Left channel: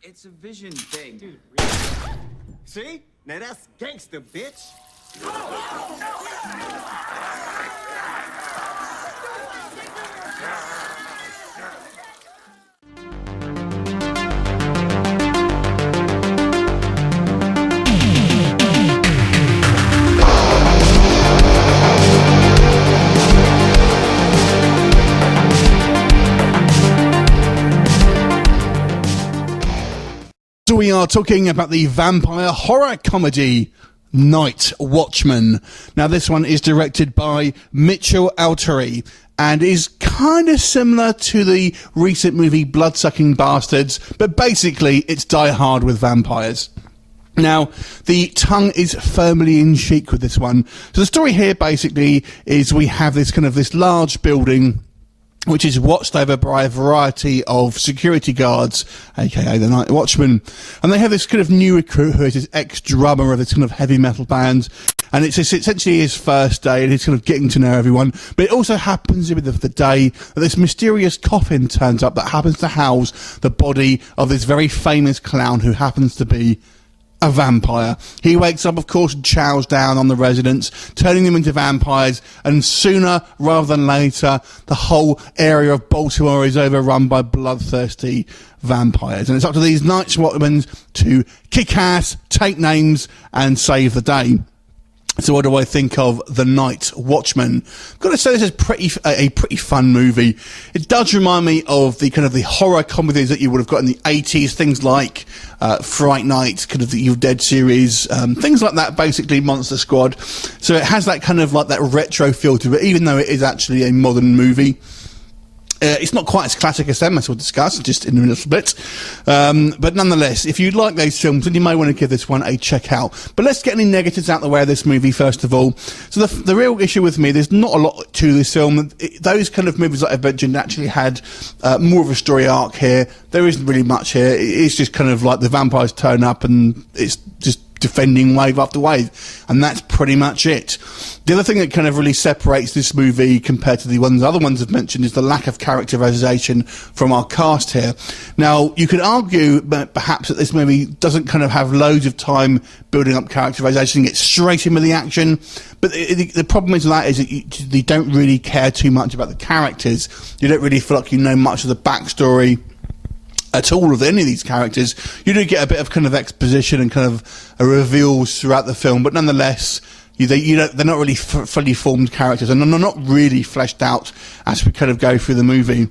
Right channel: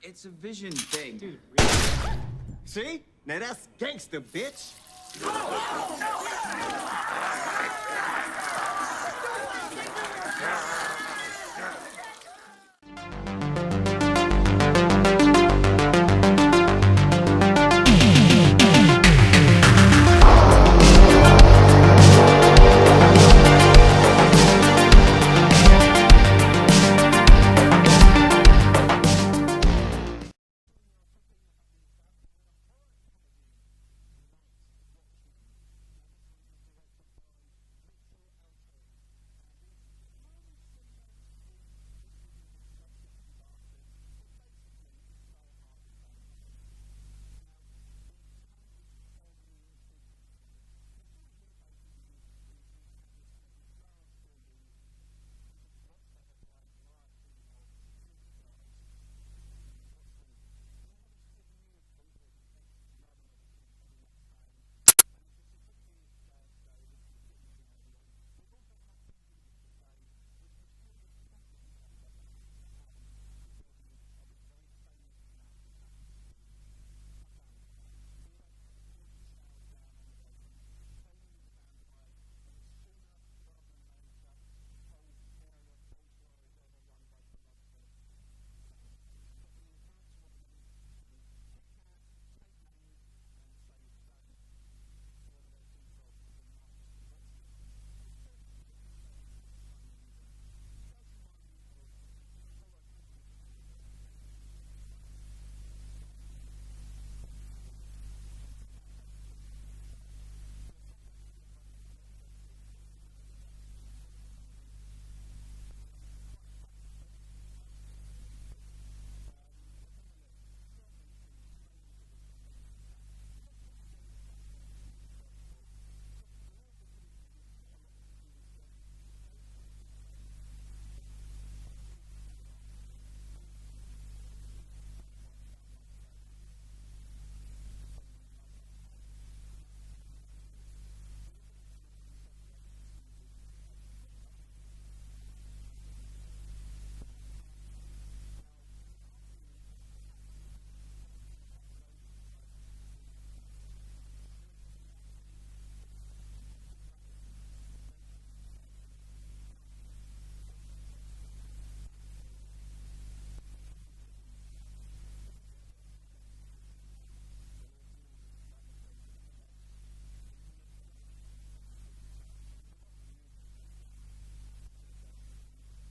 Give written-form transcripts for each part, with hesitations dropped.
It's a vision thing. Dude, really? See? Now that's gangster, bitch. So we are talking about the vampire horror comedy Night Watchmen. Now this one is directed by Mitchell Altery and is kind of similar to the recent movie Bloodsucking Bastards, but basically it's Die Hard with vampires. Now, the tongue is firmly in cheek with this one. So the story here basically is we have this large building which is watched over by a variety of security guards, aka the Night Watchmen. And they have this kind of new recruit who is this ex-drummer of this kind of heavy metal band. And it's essentially his first day, and he's kind of getting to know everyone. But it also happens with the day that this mysterious coffin turns up that happens to house the body of this very famous clown who happens to be a vampire. He wakes up, of course, and chows down on the residents, turning them into vampires, and sooner rather than later, the whole area of Baltimore is overrun by bloodthirsty vampires. And it's up to these Night Watchmen to kick ass, take names, and save the day. So what do I think of The Night Watchmen? I've got to say this is a pretty fun movie. It does remind me of the horror comedies that you would have got in the 80s, things like Fright Night, kind of the Evil Dead series, things like that, basically Monster Squad. So it has that kind of like that retro feel to it, even though it is actually a modern movie. It's not quite as classic as them, as we'll discuss just in a little bit. But nonetheless, if you like those films, then you may want to give this one a check out. But let's get any negatives out of the way of this movie, first of all. So the real issue with me, there's not a lot to this film. Those kind of movies that I've mentioned actually had more of a story arc here. There isn't really much here. It's just kind of like the vampires turn up and it's just defending wave after wave. And that's pretty much it. The other thing that kind of really separates this movie compared to the other ones I've mentioned is the lack of characterization from our cast here. Now, you could argue perhaps that this movie doesn't kind of have loads of time building up characterization, get straight in with the action. But the problem is that you don't really care too much about the characters. You don't really feel like you know much of the backstory at all of any of these characters. You do get a bit of kind of exposition and kind of reveals throughout the film, but nonetheless, they're not really fully formed characters, and they're not really fleshed out as we kind of go through the movie.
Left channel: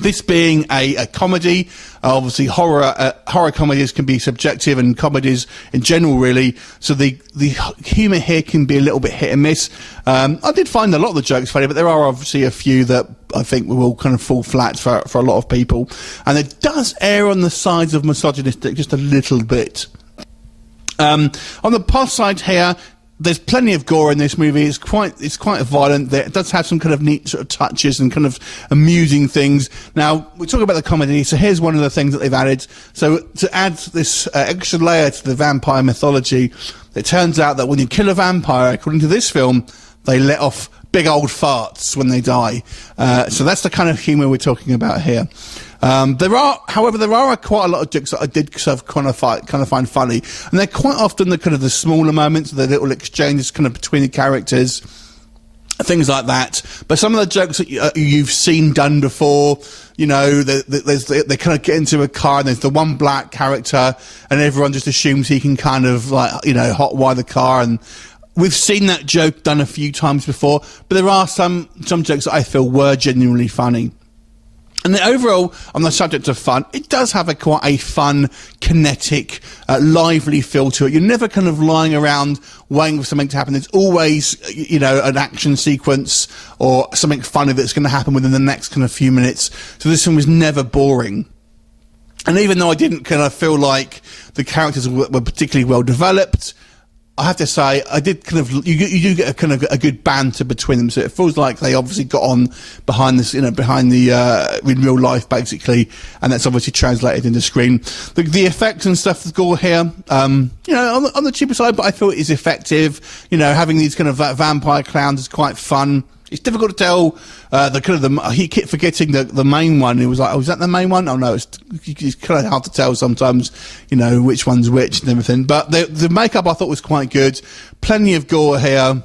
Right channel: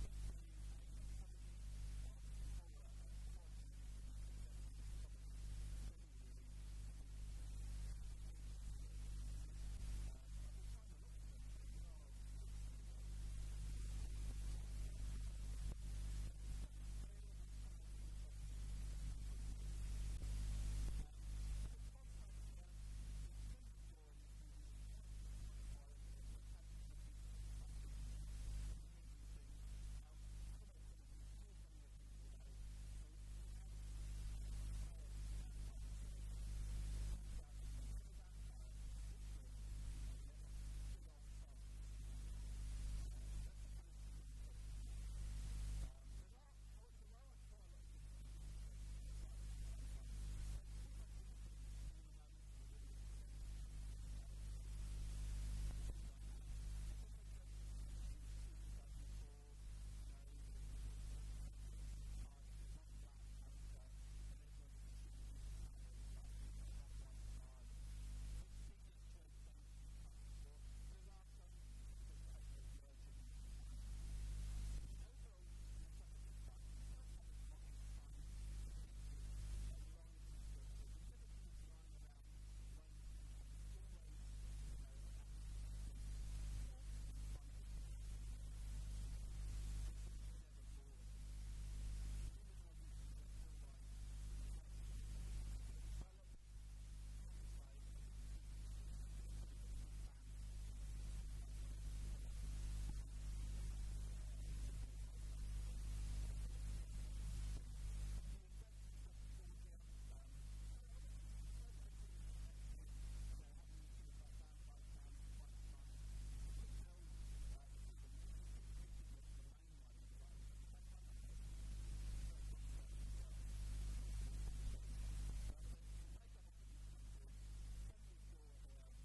This being a comedy, obviously horror comedies can be subjective, and comedies in general really, so the humour here can be a little bit hit and miss. I did find a lot of the jokes funny, but there are obviously a few that I think will kind of fall flat for a lot of people, and it does err on the sides of misogynistic just a little bit. On the plus side here, there's plenty of gore in this movie. It's quite violent. It does have some kind of neat sort of touches and kind of amusing things. Now, we talk about the comedy, so here's one of the things that they've added. So to add this extra layer to the vampire mythology, it turns out that when you kill a vampire, according to this film, they let off big old farts when they die. So that's the kind of humour we're talking about here. However, there are quite a lot of jokes that I did sort of kind of find funny, and they're quite often the smaller moments, the little exchanges kind of between the characters, things like that. But some of the jokes that you've seen done before, you know, they kind of get into a car and there's the one black character, and everyone just assumes he can kind of like, you know, hotwire the car, and we've seen that joke done a few times before. But there are some jokes that I feel were genuinely funny. And then overall, on the subject of fun, it does have quite a fun, kinetic, lively feel to it. You're never kind of lying around waiting for something to happen. There's always, you know, an action sequence or something funny that's going to happen within the next kind of few minutes. So this one was never boring. And even though I didn't kind of feel like the characters were particularly well developed, I have to say, I did kind of, you do get a kind of a good banter between them, so it feels like they obviously got on behind this, you know, behind the, in real life, basically, and that's obviously translated into screen. The effects and stuff, the gore here, you know, on the cheaper side, but I feel it is effective. You know, having these kind of vampire clowns is quite fun. It's difficult to tell. He kept forgetting the main one. He was like, "Oh, is that the main one?" Oh no, it's kind of hard to tell sometimes. You know which one's which and everything. But the makeup I thought was quite good. Plenty of gore here.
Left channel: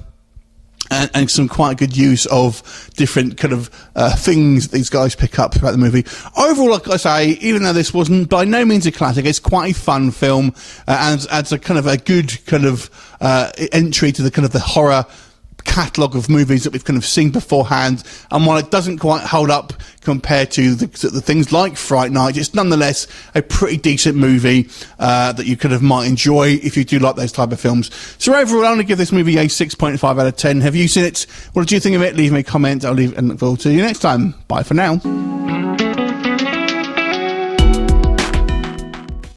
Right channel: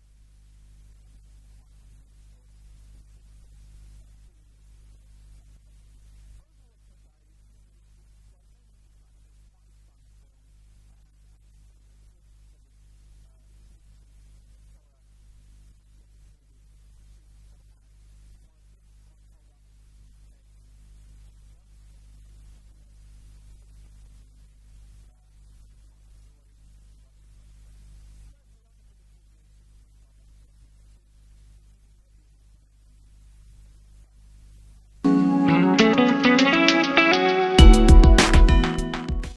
And some quite good use of different kind of things these guys pick up about the movie. Overall, like I say, even though this wasn't by no means a classic, it's quite a fun film and adds a kind of a good kind of entry to the kind of the horror catalogue of movies that we've kind of seen beforehand. And while it doesn't quite hold up compared to the things like Fright Night, it's nonetheless a pretty decent movie that you kind of might enjoy if you do like those type of films. So overall, I'm going to give this movie a 6.5 out of 10. Have you seen it? What did you think of it? Leave me a comment. I'll leave and look forward to you next time. Bye for now.